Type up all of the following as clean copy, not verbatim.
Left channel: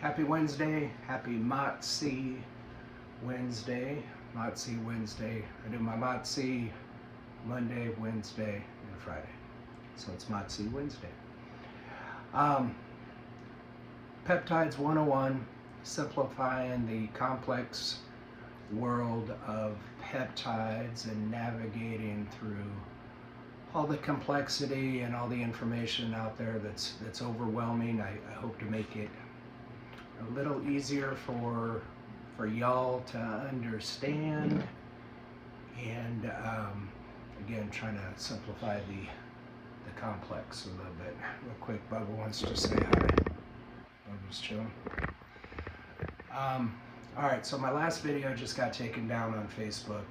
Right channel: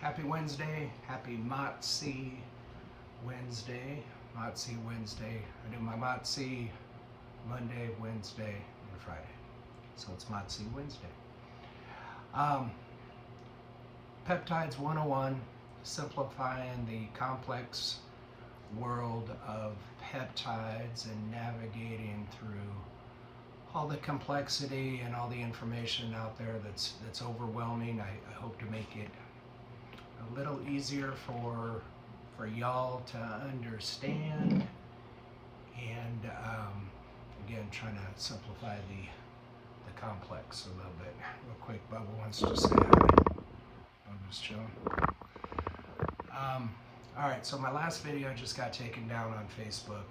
Happy Wednesday, happy Motzi Wednesday, Motzi Wednesday. I do my Motzi Monday, Wednesday, and Friday. So it's Motzi Wednesday. Peptides 101, simplifying the complex world of peptides and navigating through all the complexity and all the information out there that's overwhelming. I hope to make it a little easier for y'all to understand, and again, trying to simplify the complex a little bit. Real quick, Bubba wants to say hi. Bubba's chilling. All right, so my last video just got taken down on Facebook.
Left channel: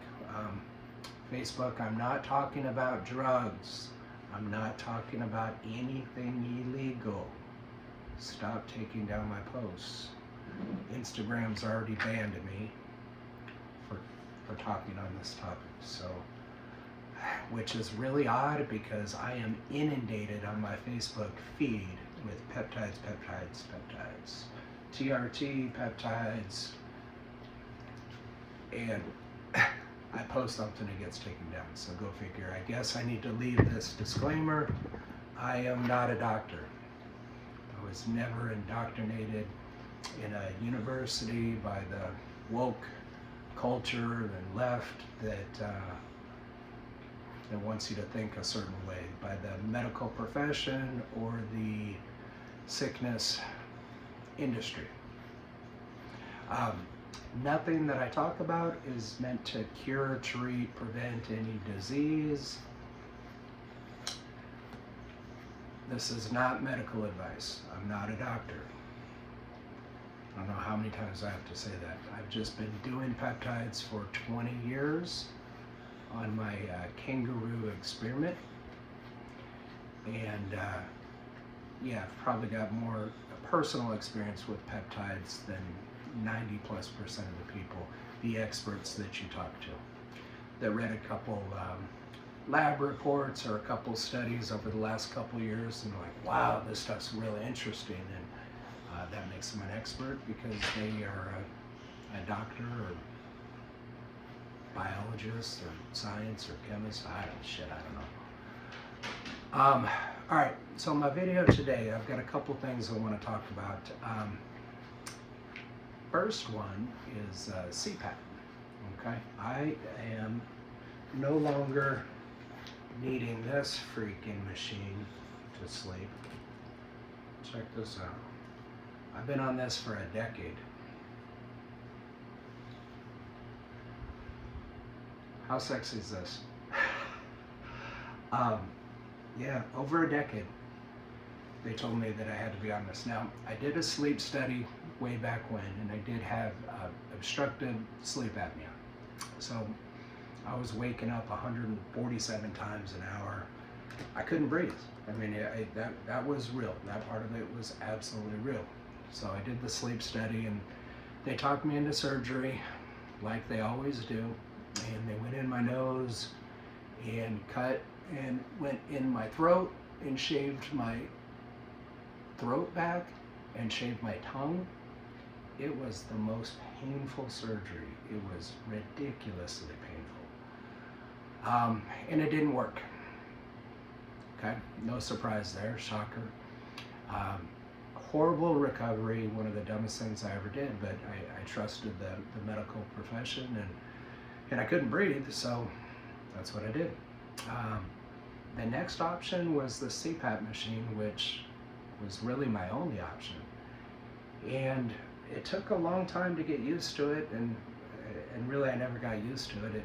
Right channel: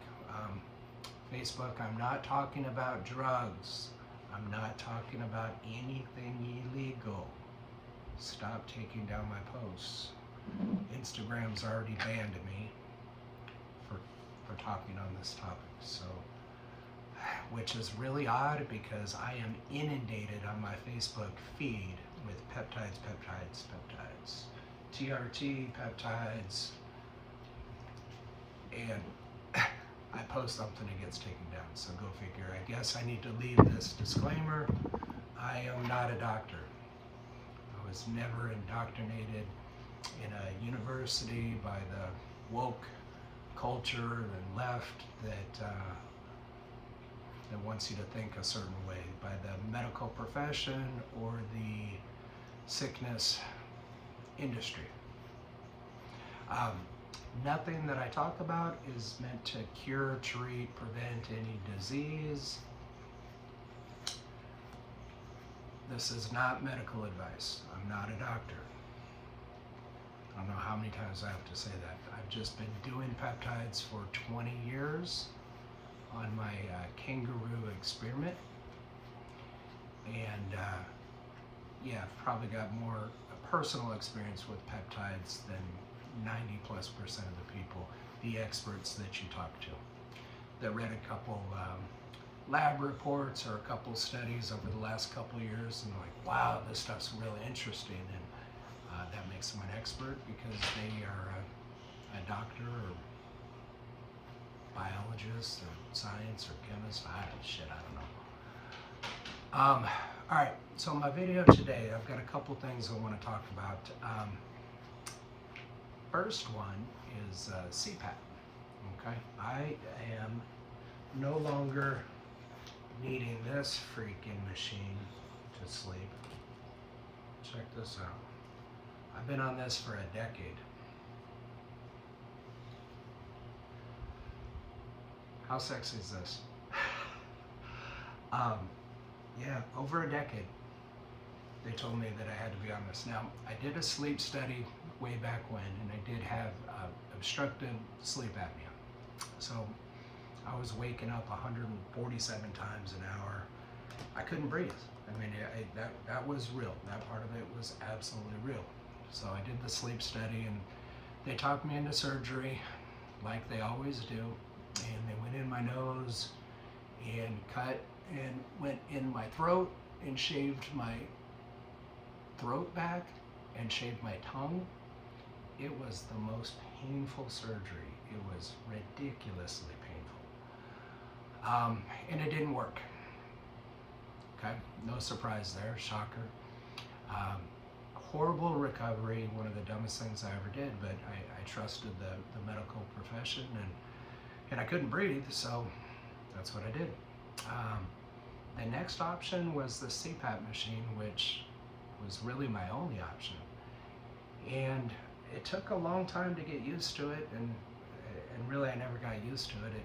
Facebook, I'm not talking about drugs. I'm not talking about anything illegal. Stop taking down my posts. Instagram's already banned me for talking on this topic, so, which is really odd because I am inundated on my Facebook feed with peptides, TRT peptides, and I post something, it gets taken down, so go figure. I guess I need to leave this disclaimer. I am not a doctor. I was never indoctrinated in a university by the woke culture and left that wants you to think a certain way, by the medical profession or the sickness industry. Nothing that I talk about is meant to cure, treat, prevent any disease. This is not medical advice. I'm not a doctor. I don't know how many times I have to say that. I've just been doing peptides for 20 years on my kangaroo experiment. And yeah, I've probably got more personal experience with peptides than 90+% of the people, the experts that you talk to, that read a couple lab reports or a couple studies over the last couple years and like, wow, this stuff's really interesting, and that makes them an expert because they are a doctor or biologist or science or chemist. I don't know. All right, so my video today, I've got a couple things I want to talk about. First one is CPAP. Okay, I am no longer needing this freaking machine to sleep. Check this out. I've been on this for a decade. How sexy is this? Yeah, over a decade. They told me that I had to be on this. Now, I did a sleep study way back when, and I did have obstructive sleep apnea. So I was waking up 147 times an hour. I couldn't breathe. I mean, that was real. That part of it was absolutely real. So I did the sleep study, and they talked me into surgery like they always do. And they went in my nose and cut and went in my throat and shaved my throat back and shaved my tongue. It was the most painful surgery. It was ridiculously painful. And it didn't work. Okay, no surprise there, shocker. Horrible recovery, one of the dumbest things I ever did, but I trusted the medical profession, and I couldn't breathe, so that's what I did. The next option was the CPAP machine, which was really my only option. And it took a long time to get used to it, and really I never got used to it.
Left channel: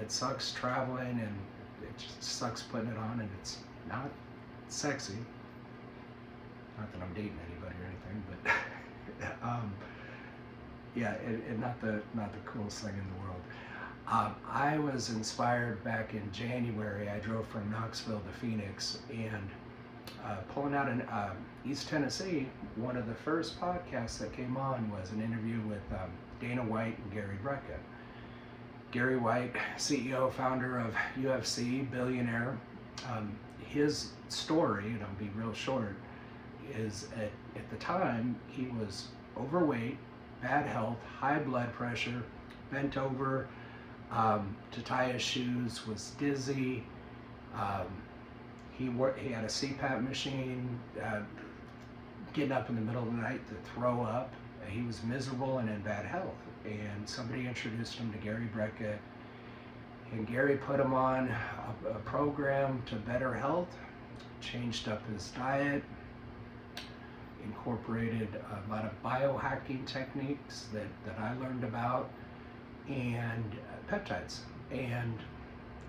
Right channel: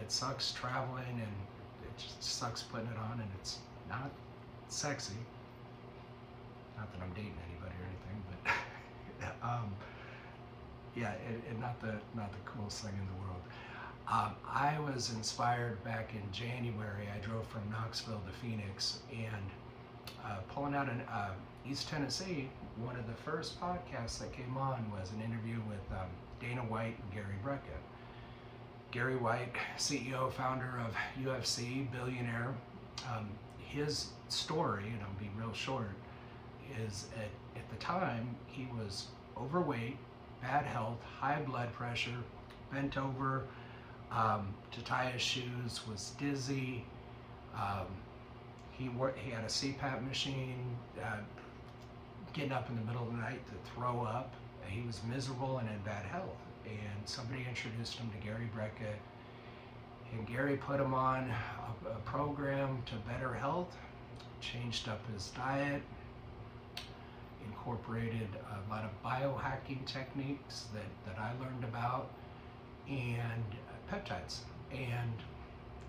It sucks traveling, and it just sucks putting it on, and it's not sexy. Not that I'm dating anybody or anything, but yeah, not the coolest thing in the world. I was inspired back in January. I drove from Knoxville to Phoenix, and pulling out in East Tennessee, one of the first podcasts that came on was an interview with Dana White and Gary Brecka. Gary White, CEO, founder of UFC, billionaire. His story, and I'll be real short, is at the time, he was overweight, bad health, high blood pressure, bent over to tie his shoes, was dizzy. He had a CPAP machine, getting up in the middle of the night to throw up. He was miserable and in bad health. And somebody introduced him to Gary Brecka, and Gary put him on a program to better health, changed up his diet, incorporated a lot of biohacking techniques that I learned about, and peptides, and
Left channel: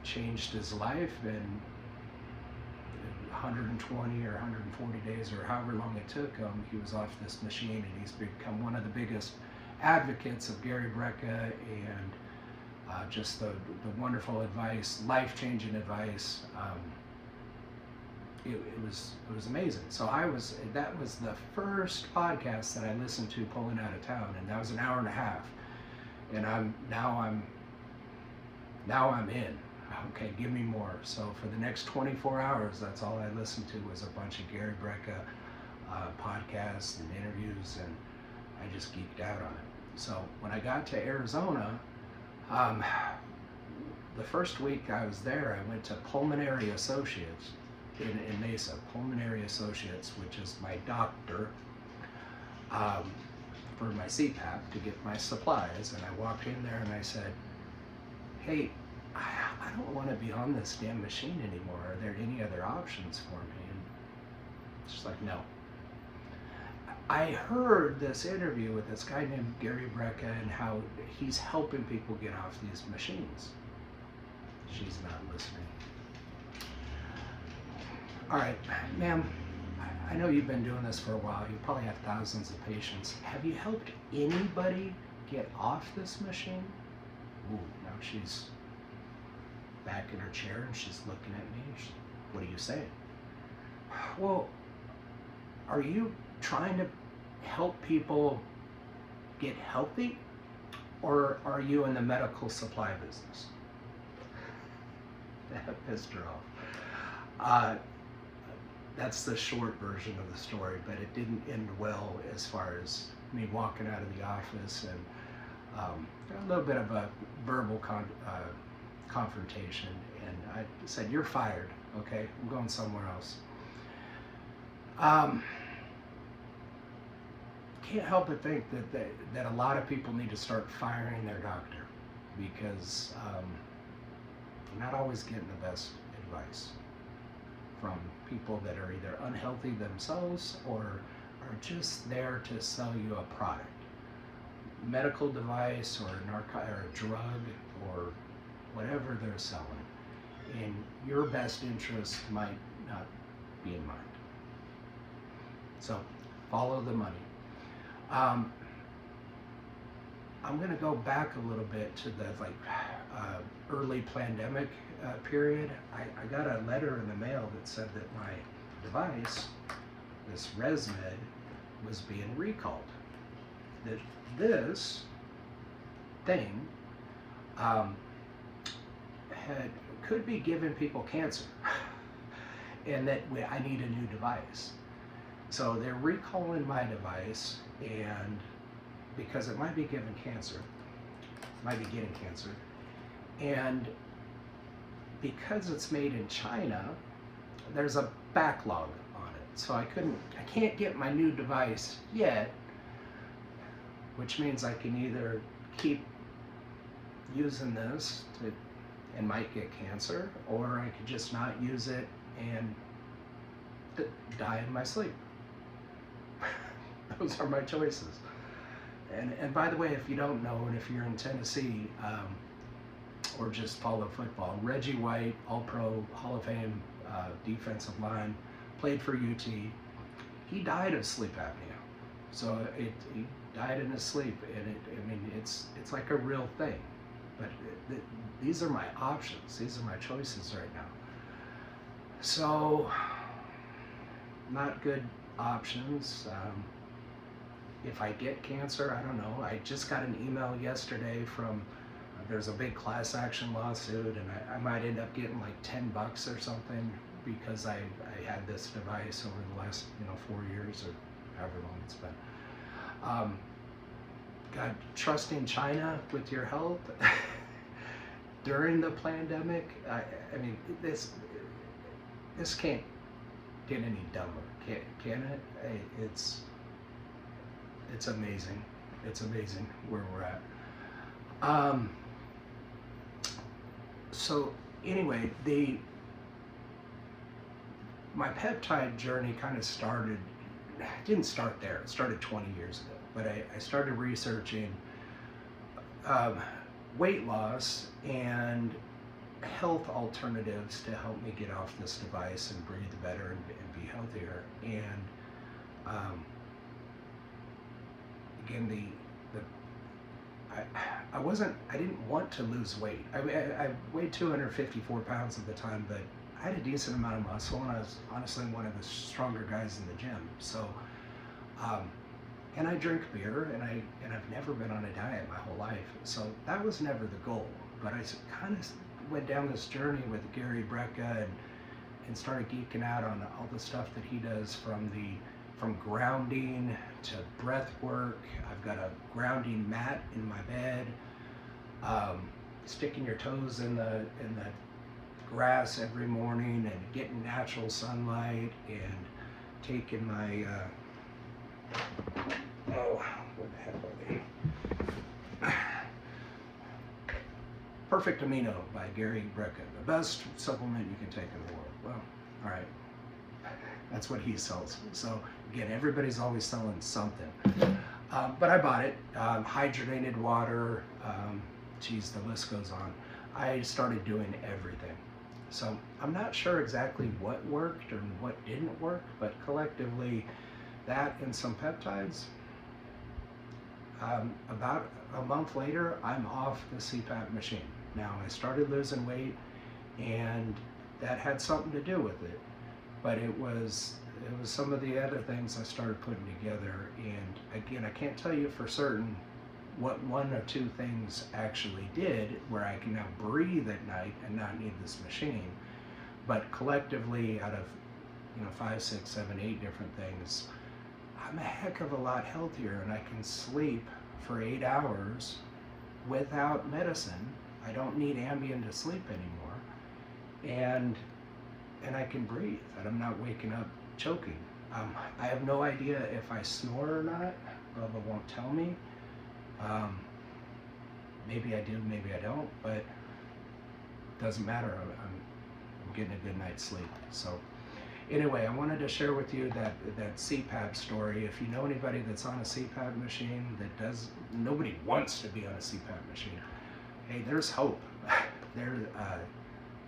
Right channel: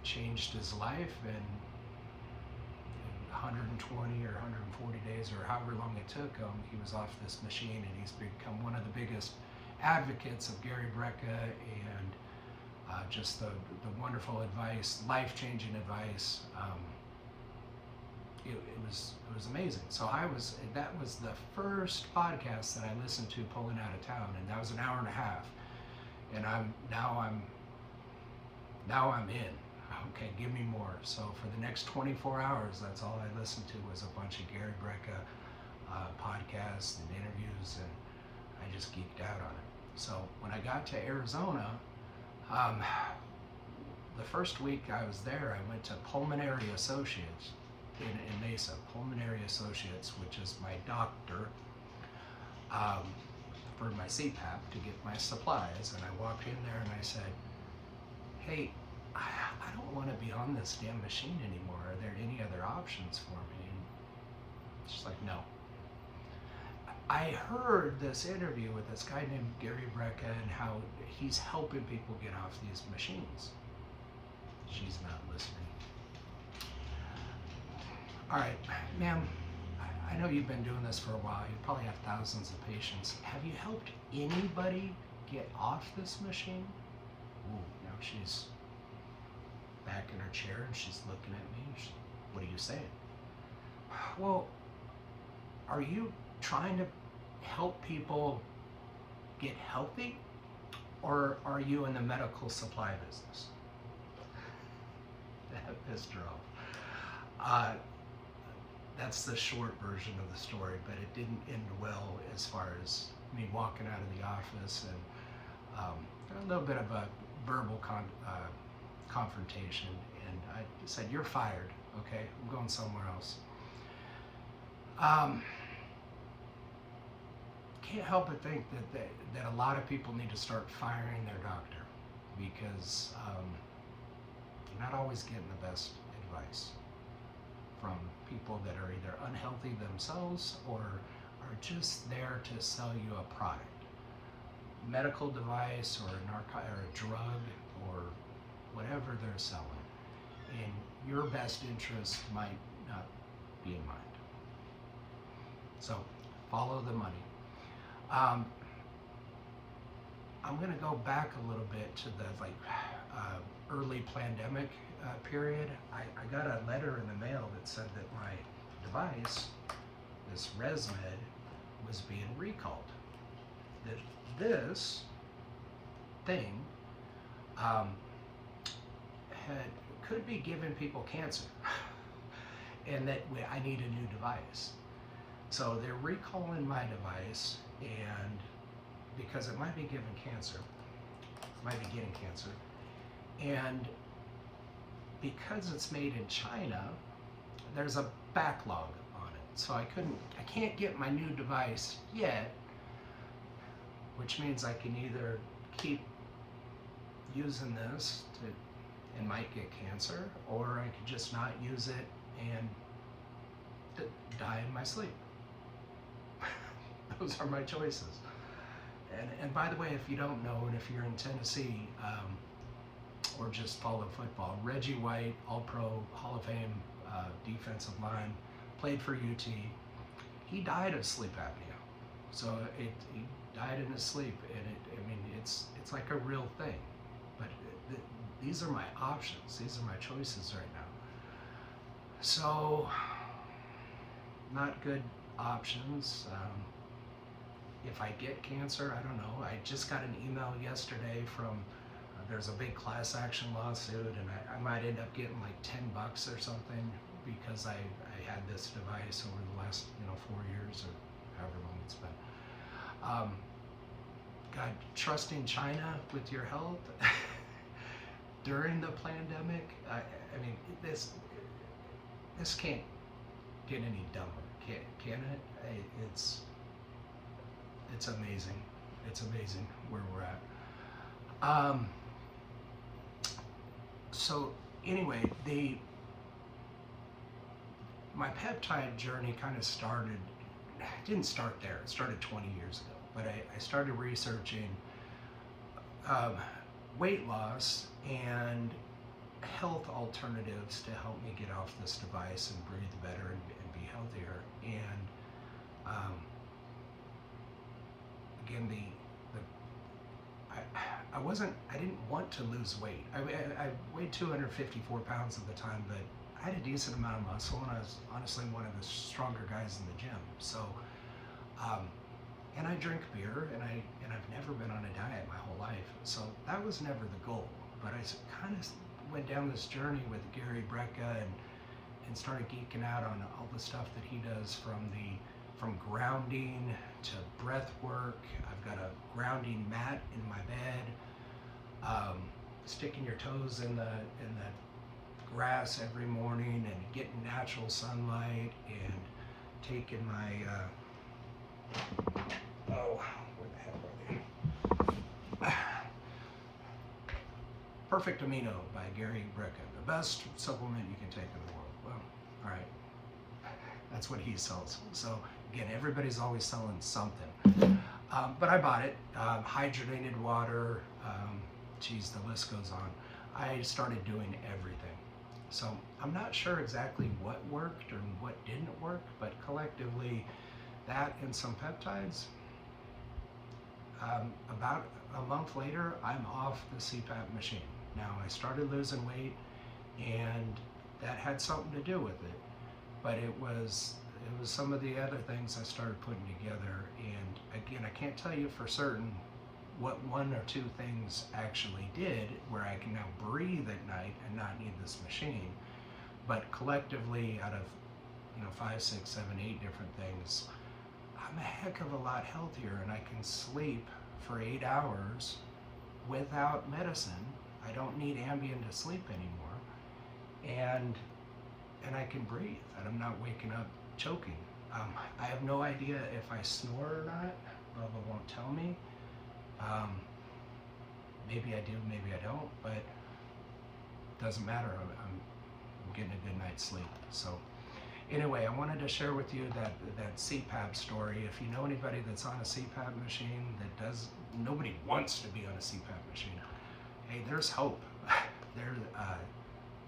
changed his life. And 120 or 140 days or however long it took him, he was off this machine, and he's become one of the biggest advocates of Gary Brecka, and just the wonderful advice, life-changing advice. It was amazing. So that was the first podcast that I listened to pulling out of town, and that was an hour and a half. And now I'm in. Okay, give me more. So for the next 24 hours, that's all I listened to was a bunch of Gary Brecka podcasts and interviews, and I just geeked out on it. So when I got to Arizona, the first week I was there, I went to Pulmonary Associates in Mesa. Pulmonary Associates, which is my doctor, for my CPAP to get my supplies. And I walked in there and I said, hey, I don't want to be on this damn machine anymore. Are there any other options for me? And she's like, no. I heard this interview with this guy named Gary Brecka and how he's helping people get off these machines. She's not listening. All right, ma'am, I know you've been doing this for a while. You probably have thousands of patients. Have you helped anybody get off this machine? Ooh, now she's back in her chair and she's looking at me. What are you saying? Well, are you trying to help people get healthy, or are you in the medical supply business? That pissed her off. That's the short version of the story, but it didn't end well as far as me walking out of the office, and a little bit of a verbal confrontation, and I said, you're fired, okay? I'm going somewhere else. Can't help but think that a lot of people need to start firing their doctor, because they're not always getting the best advice from people that are either unhealthy themselves or are just there to sell you a product, medical device or a drug or whatever they're selling. And your best interest might not be in mind. So follow the money. I'm going to go back a little bit to the early pandemic period. I got a letter in the mail that said that my device, this ResMed, was being recalled. That this thing could be giving people cancer, and that I need a new device. So they're recalling my device, and because it might be getting cancer, and because it's made in China, there's a backlog on it. So I can't get my new device yet, which means I can either keep using this and might get cancer, or I could just not use it and die in my sleep. Those are my choices. And by the way, if you don't know, and if you're in Tennessee, or just follow football, Reggie White, All-Pro, Hall of Fame defensive line, played for UT. He died of sleep apnea. So he died in his sleep, and it's like a real thing. But these are my options. These are my choices right now. So, not good options. If I get cancer, I don't know. I just got an email yesterday from, there's a big class action lawsuit, and I might end up getting like $10 or something because I had this device over the last 4 years or however long it's been. God, trusting China with your health during the pandemic. I mean, this can't get any dumber, can it? It's amazing. It's amazing where we're at. So anyway, my peptide journey kind of didn't start there. It started 20 years ago, but I started researching weight loss and health alternatives to help me get off this device and breathe better and be healthier. And again, I didn't want to lose weight. I weighed 254 pounds at the time, but I had a decent amount of muscle, and I was honestly one of the stronger guys in the gym. So, and I drink beer, and I've never been on a diet my whole life. So that was never the goal. But I kind of went down this journey with Gary Brecka and started geeking out on all the stuff that he does, from grounding to breath work. I've got a grounding mat in my bed. Sticking your toes in the grass every morning and getting natural sunlight, and taking my where the heck are they? Perfect Amino by Gary Brecka, the best supplement you can take in the world. Well, all right, that's what he sells. So again, everybody's always selling something, but I bought it. Hydrogenated water, geez, the list goes on. I started doing everything. So I'm not sure exactly what worked or what didn't work, but collectively, that and some peptides. About a month later, I'm off the CPAP machine. Now, I started losing weight, and that had something to do with it, but it was some of the other things I started putting together. And again, I can't tell you for certain what one or two things actually did where I can now breathe at night and not need this machine, but collectively, out of 5, 6, 7, 8 different things, I'm a heck of a lot healthier, and I can sleep for 8 hours without medicine. I don't need Ambien to sleep anymore, and I can breathe, and I'm not waking up choking. I have no idea if I snore or not. Bubba won't tell me. Maybe I do, maybe I don't, but it doesn't matter. I'm getting a good night's sleep. So anyway, I wanted to share with you that CPAP story. If you know anybody that's on a CPAP machine nobody wants to be on a CPAP machine. Hey, there's hope.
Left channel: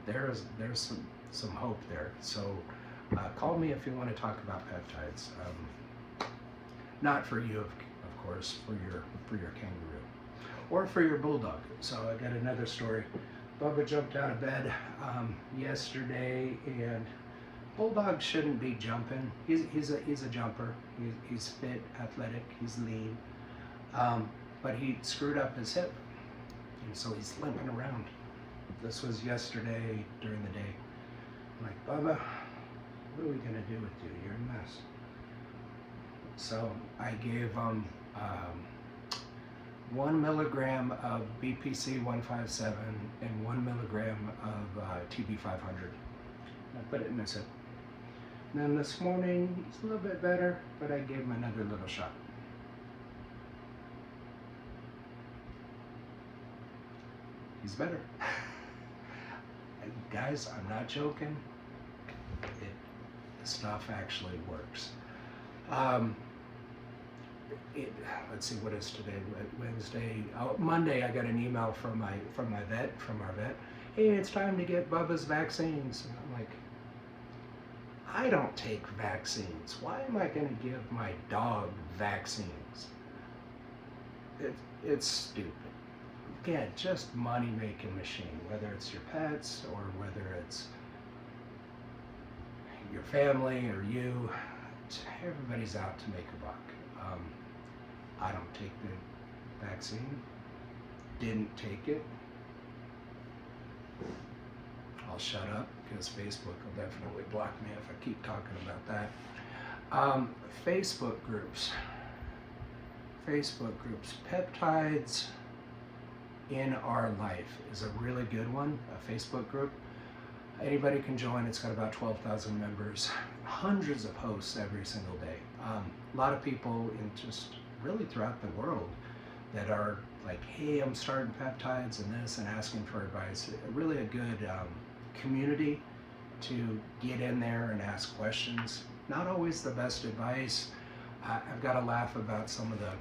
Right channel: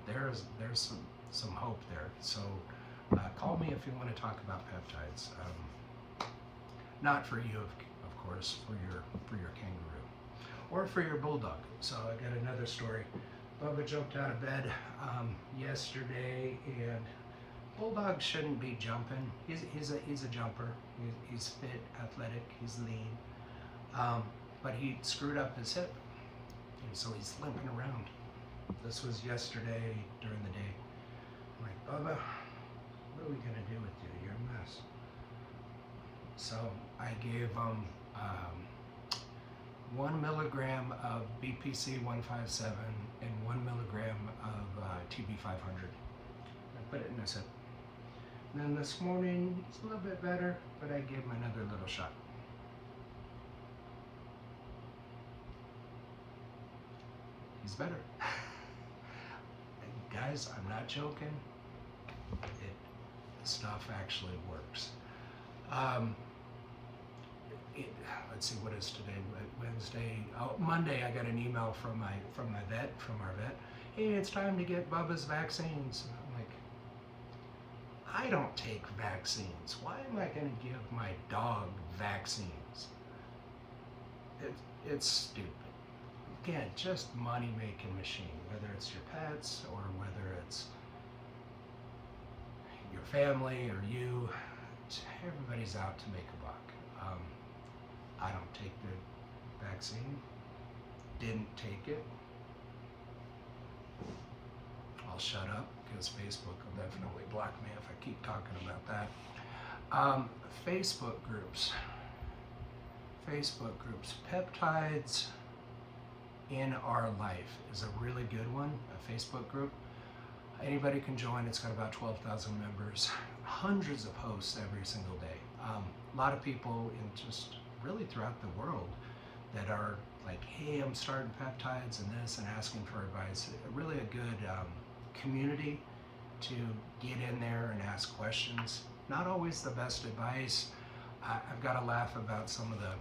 There's some hope there. So call me if you want to talk about peptides. Not for you, of course, for your kangaroo or for your bulldog. So I got another story. Bubba jumped out of bed yesterday, and bulldogs shouldn't be jumping. He's a jumper. He's fit, athletic. He's lean, but he screwed up his hip, and so he's limping around. This was yesterday during the day. I'm like, Bubba, what are we gonna do with you? You're a mess. So I gave him 1 milligram of BPC 157 and 1 milligram of TB 500. I put it in his hip. And then this morning, he's a little bit better, but I gave him another little shot. He's better. Guys, I'm not joking. The stuff actually works. Let's see, what is today? Wednesday. Monday, I got an email from our vet. Hey, it's time to get Bubba's vaccines. And I'm like, I don't take vaccines. Why am I going to give my dog vaccines? It's stupid. Again, just money-making machine, whether it's your pets or whether it's your family or you. Everybody's out to make a buck. I don't take the vaccine. Didn't take it. I'll shut up because Facebook will definitely block me if I keep talking about that. Facebook groups. Facebook groups. Peptides in Our Life is a really good one, a Facebook group. Anybody can join. It's got about 12,000 members, hundreds of posts every single day. A lot of people in just really throughout the world that are like, hey, I'm starting peptides and this, and asking for advice. Really a good community to get in there and ask questions. Not always the best advice. I've got to laugh about some of the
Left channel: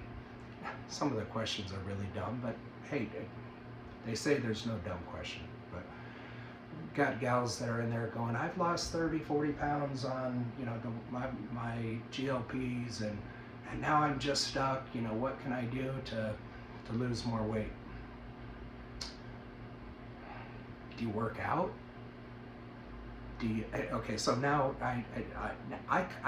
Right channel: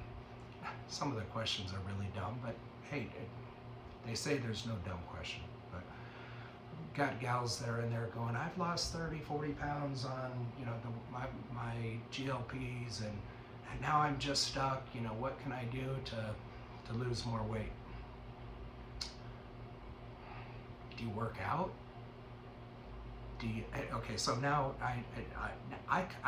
questions are really dumb, but hey, they say there's no dumb question. But got gals that are in there going, I've lost 30, 40 pounds on, you know, my GLPs, and now I'm just stuck. You know, what can I do to lose more weight? Do you work out? Okay, so now I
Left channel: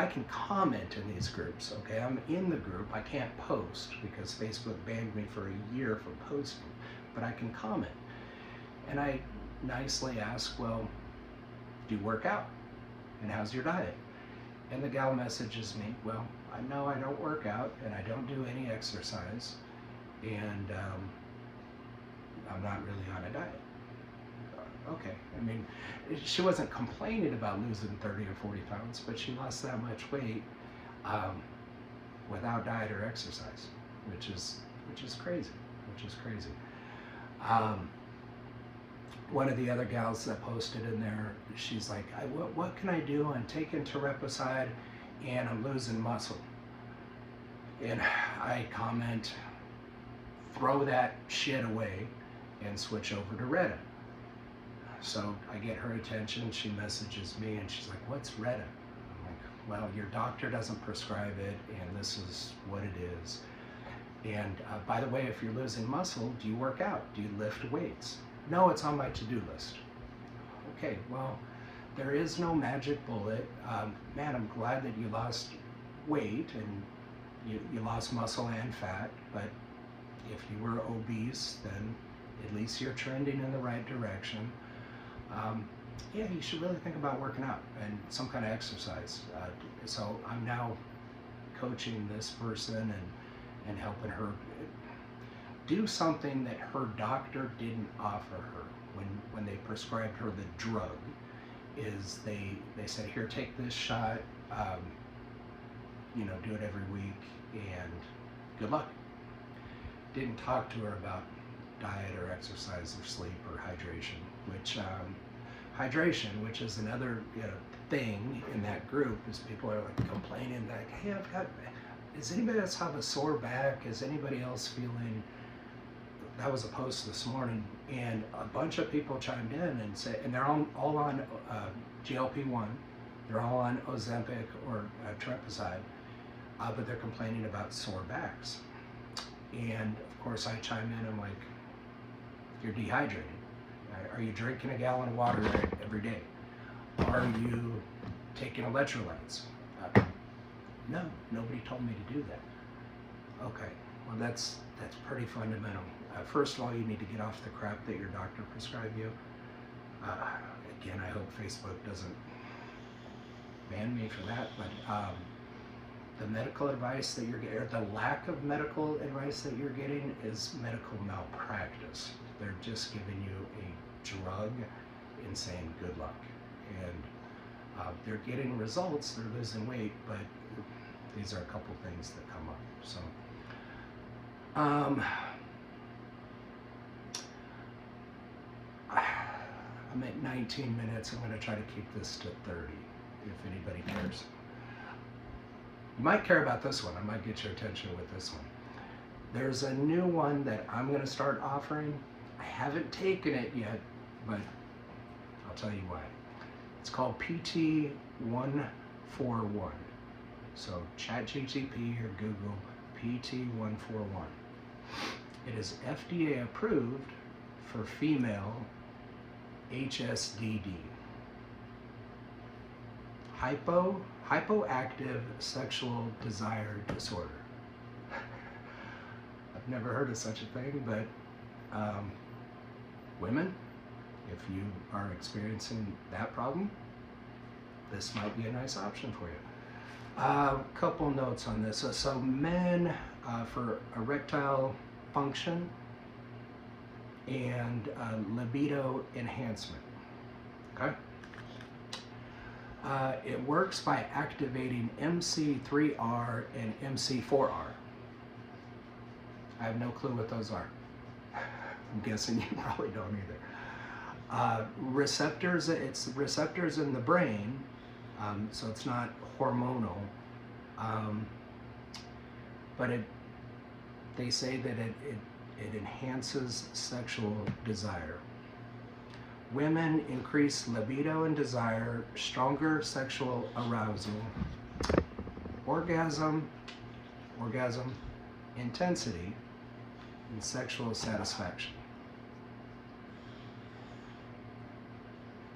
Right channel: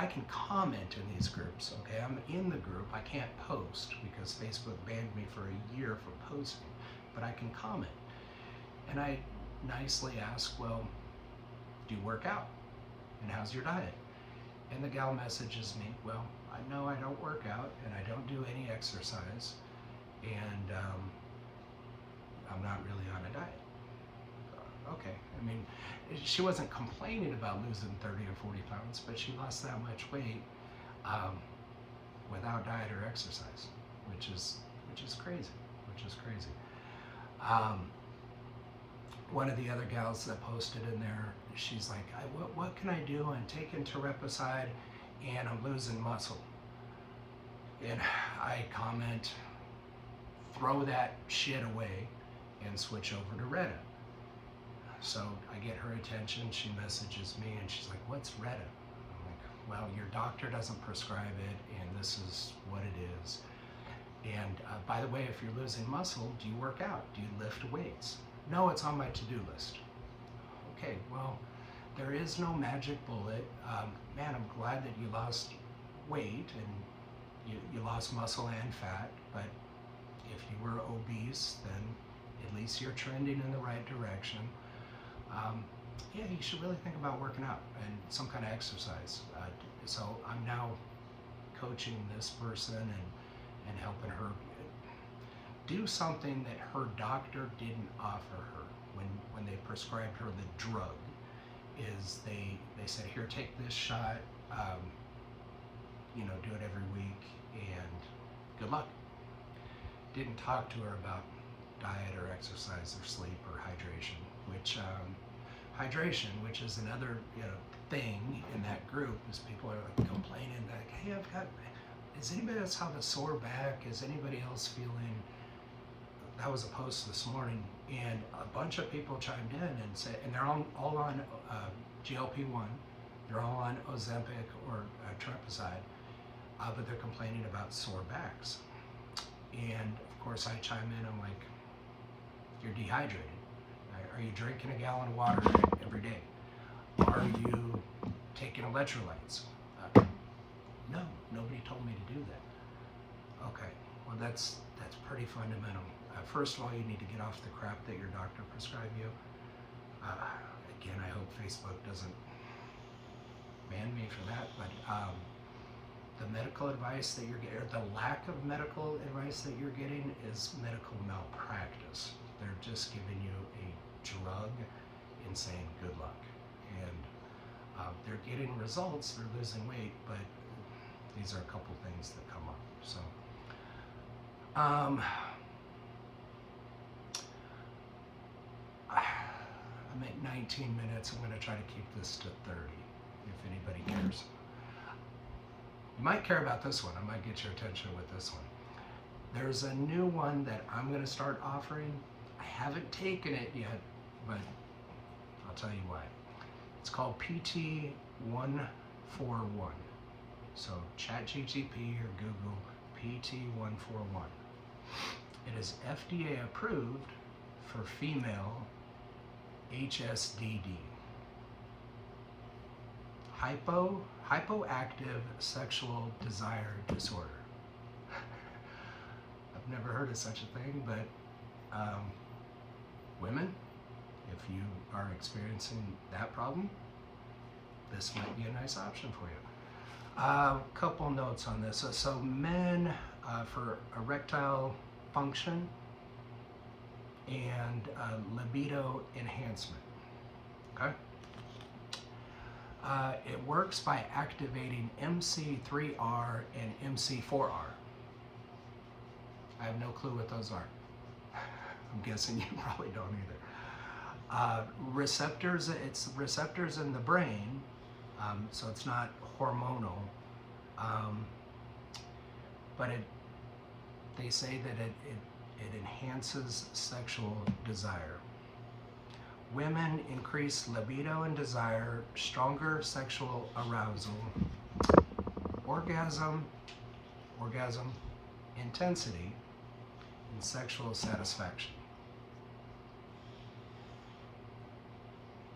can comment in these groups. Okay, I'm in the group. I can't post because Facebook banned me for a year from posting, but I can comment. And I nicely ask, well, do you work out? And how's your diet? And the gal messages me, well, I know I don't work out and I don't do any exercise, and I'm not really on a diet. Okay, I mean, she wasn't complaining about losing 30 or 40 pounds, but she lost that much weight without diet or exercise, which is crazy, one of the other gals that posted in there, she's like, what can I do? I'm taking Tirepicide and I'm losing muscle. And I comment, throw that shit away and switch over to Retta. So I get her attention, she messages me and she's like, what's Retta? I'm like, well, your doctor doesn't prescribe it and this is what it is. And by the way, if you're losing muscle, do you work out? Do you lift weights? No, it's on my to-do list. Okay, well, there is no magic bullet. Man, I'm glad that you lost weight and you lost muscle and fat, but if you were obese, then at least you're trending in the right direction. Yeah, you should really think about working out and some kind of exercise. So I'm now coaching this person and helping her do something that her doctor didn't offer her when they prescribed her the drug. Is they said, here, take this shot, you know, do it every week and good luck. Didn't talk to her about diet or exercise or sleep or hydration, which is another, you know, thing in that group, is people are like complaining like, hey, does anybody else have a sore back? Is anybody else feeling, that was a post this morning, and a bunch of people chimed in and said, and they're all on GLP-1, they're all on Ozempic or Tirepicide, but they're complaining about sore backs. And of course I chime in, I'm like, you're dehydrated. Are you drinking a gallon of water every day? Are you taking electrolytes? No, nobody told me to do that. Okay, well that's pretty fundamental. First of all, you need to get off the crap that your doctor prescribed you. Again, I hope Facebook doesn't ban me for that, but the medical advice that you're getting, or the lack of medical advice that you're getting, is medical malpractice. They're just giving you a drug and saying good luck. And they're getting results, they're losing weight, but these are a couple things that come up. So, I'm at 19 minutes. I'm going to try to keep this to 30, if anybody cares. You might care about this one. I might get your attention with this one. There's a new one that I'm going to start offering. I haven't taken it yet, but I'll tell you why. It's called PT141. So ChatGPT or Google PT141. It is FDA approved for female HSDD. Hypoactive sexual desire disorder. I've never heard of such a thing, but women, if you are experiencing that problem, this might be a nice option for you. Couple notes on this. So men, for erectile function and libido enhancement. Okay. It works by activating MC3R and MC4R. I have no clue what those are. I'm guessing you probably don't either. Receptors, it's receptors in the brain, so it's not hormonal, but they say that it enhances sexual desire. Women increase libido and desire, stronger sexual arousal, orgasm, intensity, and sexual satisfaction.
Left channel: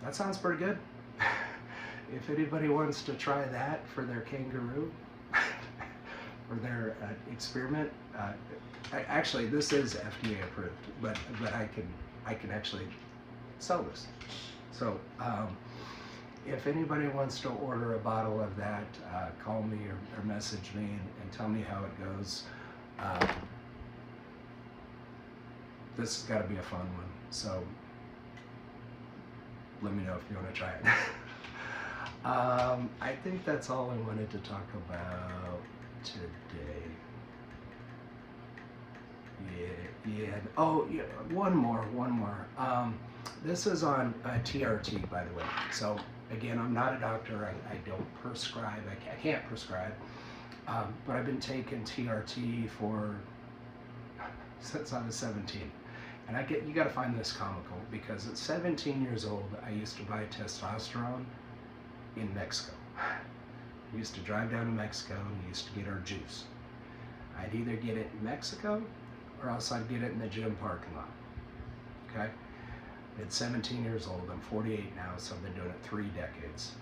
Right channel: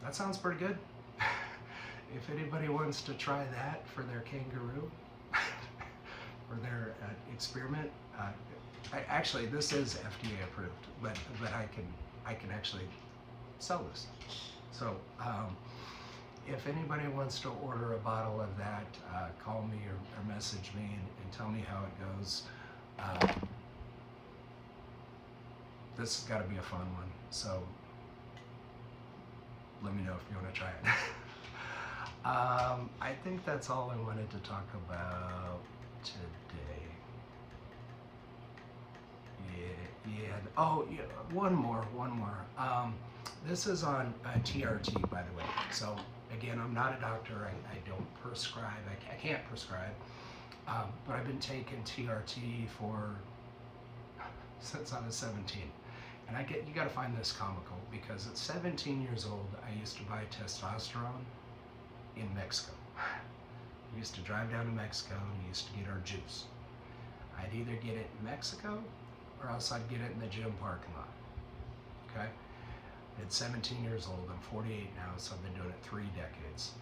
That sounds pretty good. If anybody wants to try that for their kangaroo or their experiment, actually this is FDA approved, but I can actually sell this. So if anybody wants to order a bottle of that, call me or message me and tell me how it goes. This has got to be a fun one, so let me know if you want to try it. I think that's all I wanted to talk about today. Yeah. Oh, yeah. One more. This is on TRT, by the way. So again, I'm not a doctor. I don't prescribe. I can't prescribe. But I've been taking TRT since I was 17. And you got to find this comical, because at 17 years old, I used to buy testosterone in Mexico. We used to drive down to Mexico and we used to get our juice. I'd either get it in Mexico or else I'd get it in the gym parking lot. Okay? At 17 years old, I'm 48 now, so I've been doing it 3 decades.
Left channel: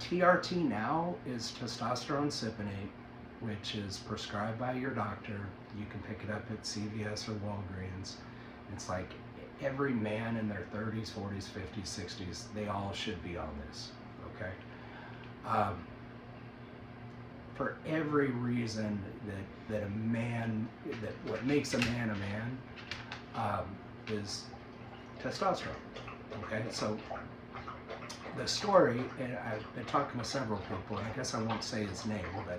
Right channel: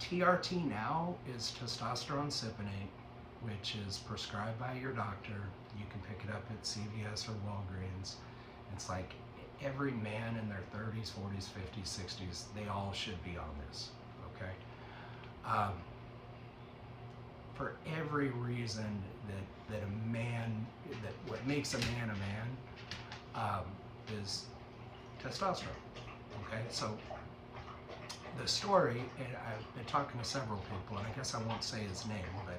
TRT now is testosterone cypionate, which is prescribed by your doctor. You can pick it up at CVS or Walgreens. It's like every man in their 30s, 40s, 50s, 60s, they all should be on this, okay? For every reason that a man, that what makes a man is testosterone, okay? So the story, and I've been talking to several people, and I guess I won't say his name, but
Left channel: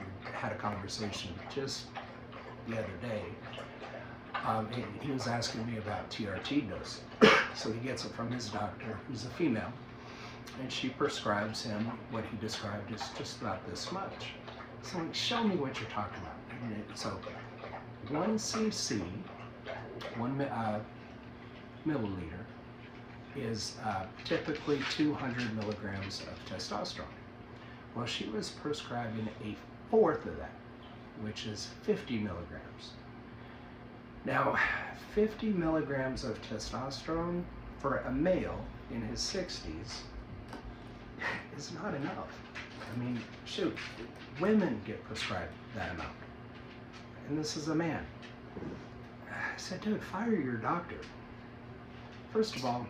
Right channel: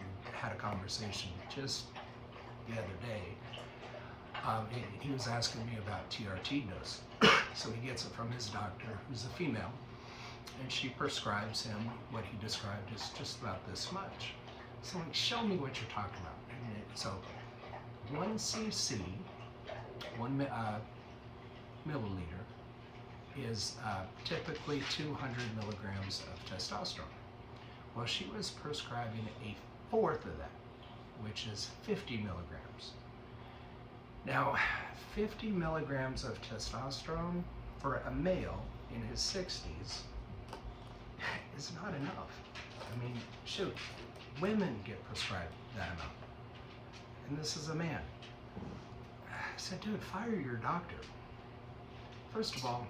we had a conversation just the other day. He was asking me about TRT dose. So he gets it from his doctor, who's a female, and she prescribes him what he described as just about this much. So I'm like, show me what you're talking about. So 1 cc, 1 milliliter, is typically 200 milligrams of testosterone. Well, she was prescribing a fourth of that, which is 50 milligrams. Now, 50 milligrams of testosterone for a male in his 60s is not enough. I mean, shoot, women get prescribed that amount. And this is a man. I said, dude, fire your doctor. First of all,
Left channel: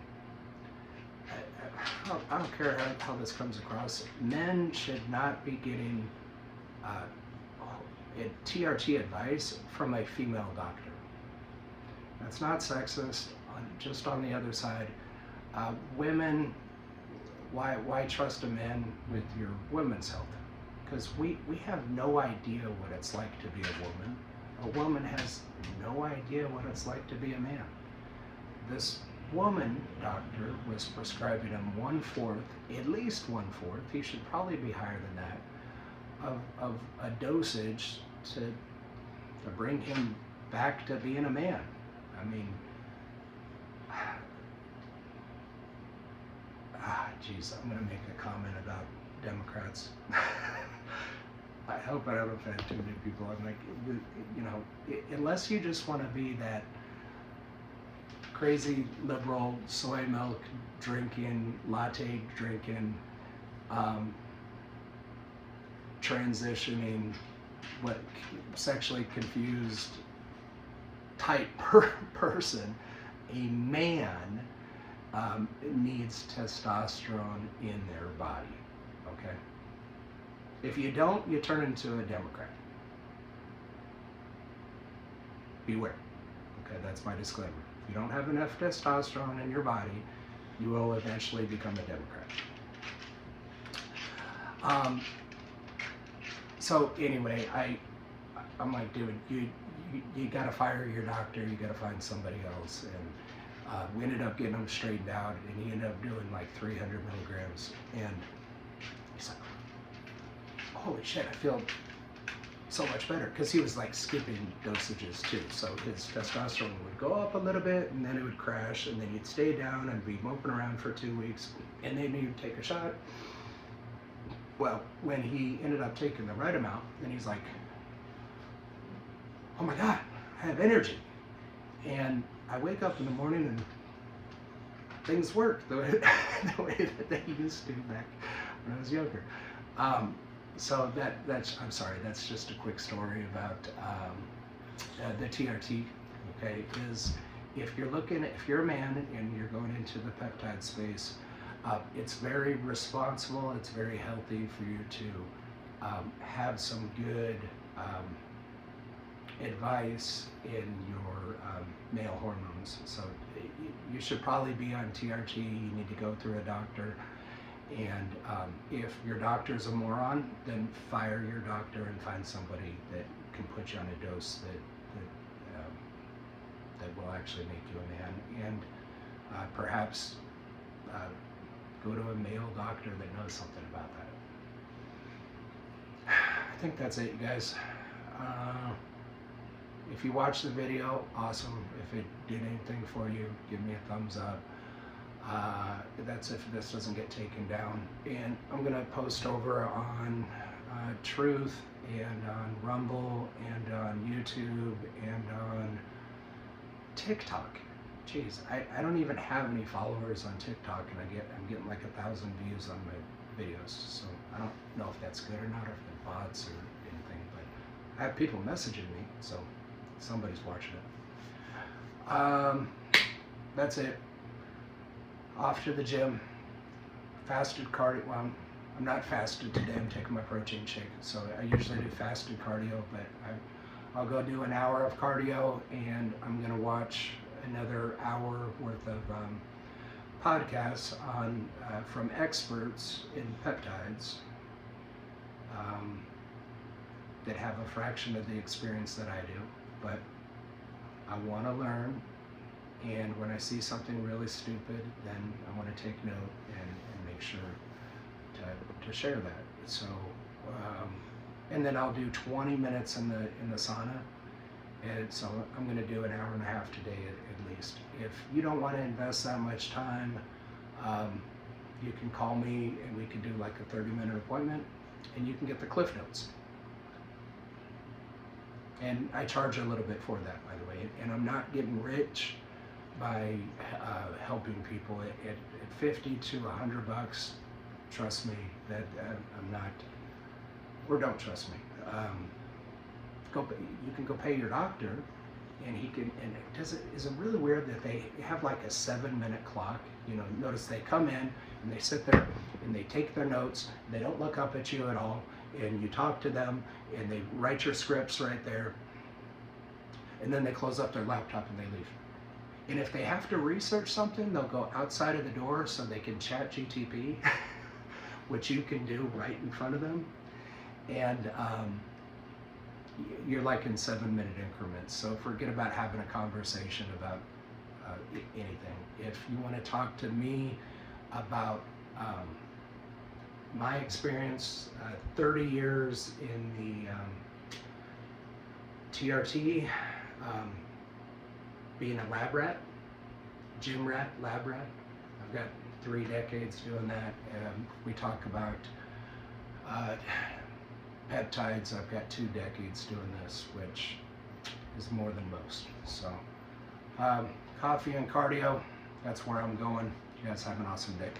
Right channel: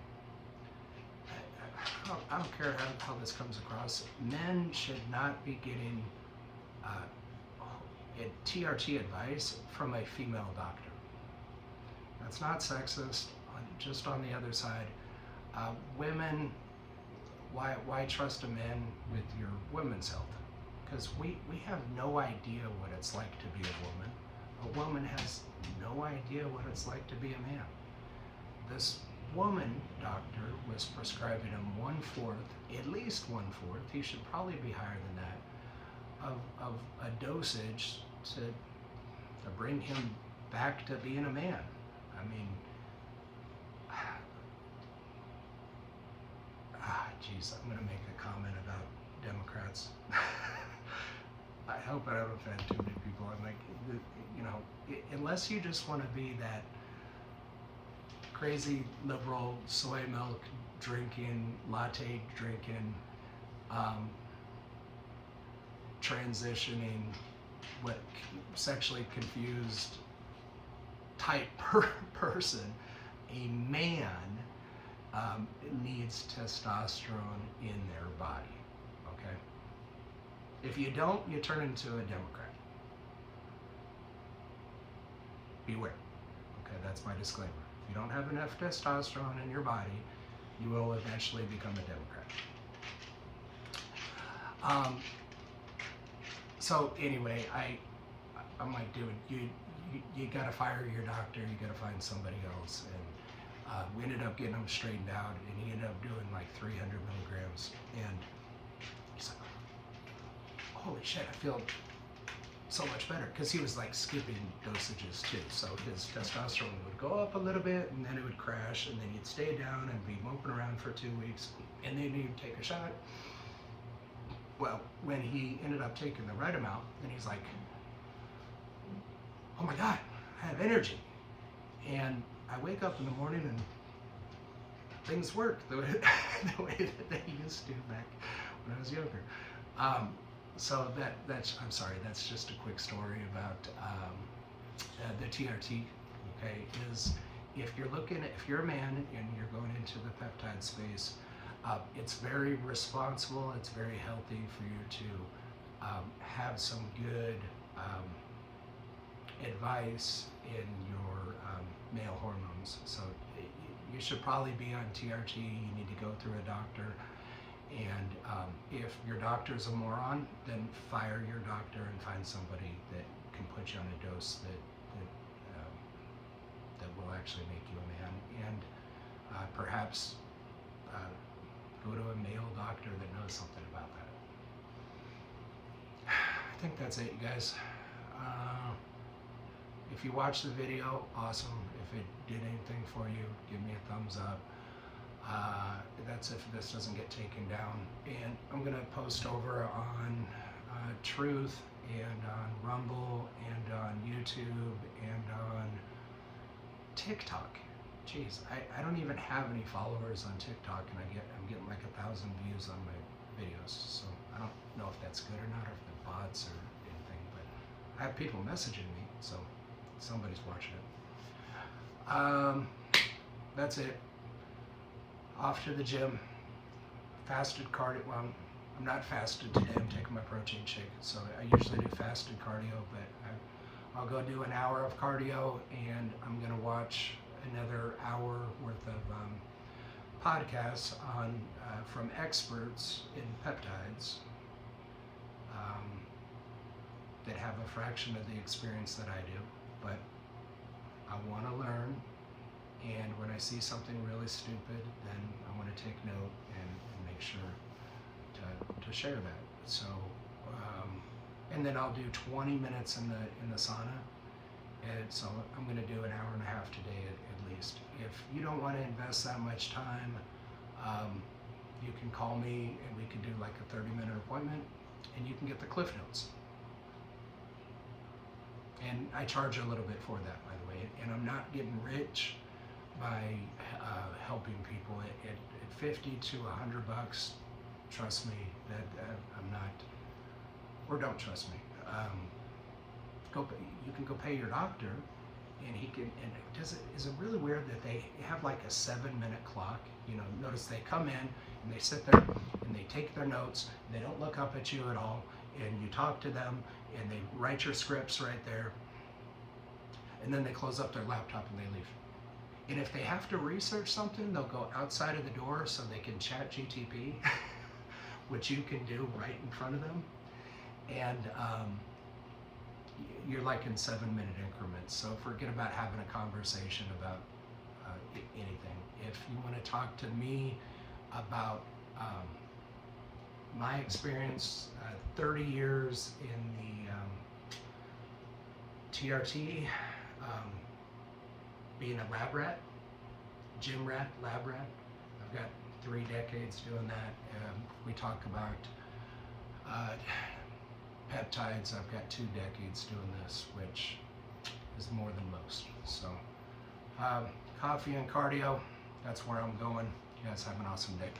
I don't care how this comes across. Men should not be getting TRT advice from a female doctor. That's not sexist. Just on the other side, women, why trust a man with your women's health? Because we have no idea what it's like to be a woman. A woman has no idea what it's like to be a man. This woman doctor was prescribing him 1/4, at least 1/4, he should probably be higher than that, of a dosage to bring him back to being a man. I mean, geez, I'm going to make a comment about Democrats. I hope I don't offend too many people. I'm like, you know, unless you just want to be that crazy liberal soy milk drinking, latte drinking, transitioning, sexually confused type person, a man needs testosterone in their body, okay? If you don't, you turn into a Democrat. Beware, okay? That's my disclaimer. If you don't have enough testosterone in your body, you will eventually become a Democrat. So anyway, I'm like, dude, you got to fire your doctor. You got to find somebody else. And we ended up getting him straightened out, and he ended up doing like 300 milligrams. And he's like, holy shit, I feel so much better, because he was like skipping dosages too. So his testosterone would go up a little bit, and then it would crash, and then he'd stay down and be moping around for 2 weeks, and then he'd take a shot. Well, when he ended up taking the right amount, then he's like, oh my God, I have energy. And I wake up in the morning and things work the way that they used to back when I was younger. So I'm sorry, that's just a quick story about the TRT, okay, is if you're a man and you're going into the peptide space, it's very responsible, it's very healthy for you to have some good advice in your male hormones. So you should probably be on TRT, you need to go through a doctor. And if your doctor's a moron, then fire your doctor and find somebody that can put you on a dose that will actually make you a man. And perhaps go to a male doctor that knows something about that. I think that's it, you guys. If you watched the video, awesome. If it did anything for you, give me a thumbs up. That's if this doesn't get taken down. And I'm gonna post over on Truth and on Rumble and on YouTube and on TikTok. Jeez, I don't even have any followers on TikTok, and I'm getting like 1,000 views on my videos. So I don't know if that's good or not, or if they're bots or anything, but I have people messaging me, so somebody's watching it. That's it. Off to the gym. Fasted cardio. Well, I'm not fasted today. I'm taking my protein shake. So I usually do fasted cardio, but I'll go do an hour of cardio, and I'm gonna watch another hour worth of podcasts on from experts in peptides that have a fraction of the experience that I do. But I want to learn. And when I see something really stupid, then I want to take note and make sure to share that. So, and then I'll do 20 minutes in the sauna. And so I'm going to do an hour and a half today at least. If you don't want to invest that much time, you can call me and we can do like a 30-minute appointment, and you can get the Cliff Notes. And I charge a little bit for that, by the way. And I'm not getting rich by helping people. At 50 to $100, trust me that I'm not, or don't trust me. You can go pay your doctor, and he can. And is it really weird that they have like a 7-minute clock? You know, notice they come in and they sit there and they take their notes. They don't look up at you at all, and you talk to them and they write your scripts right there, and then they close up their laptop and they leave. And if they have to research something, they'll go outside of the door so they can chat GTP, which you can do right in front of them. And you're like in 7-minute increments. So forget about having a conversation about anything. If you want to talk to me about my experience, 30 years in the TRT, being a lab rat, gym rat, lab rat. I've got 3 decades doing that. We talk about peptides. I've got 2 decades doing this, which is more than most. So coffee and cardio, that's where I'm going. You guys have an awesome day.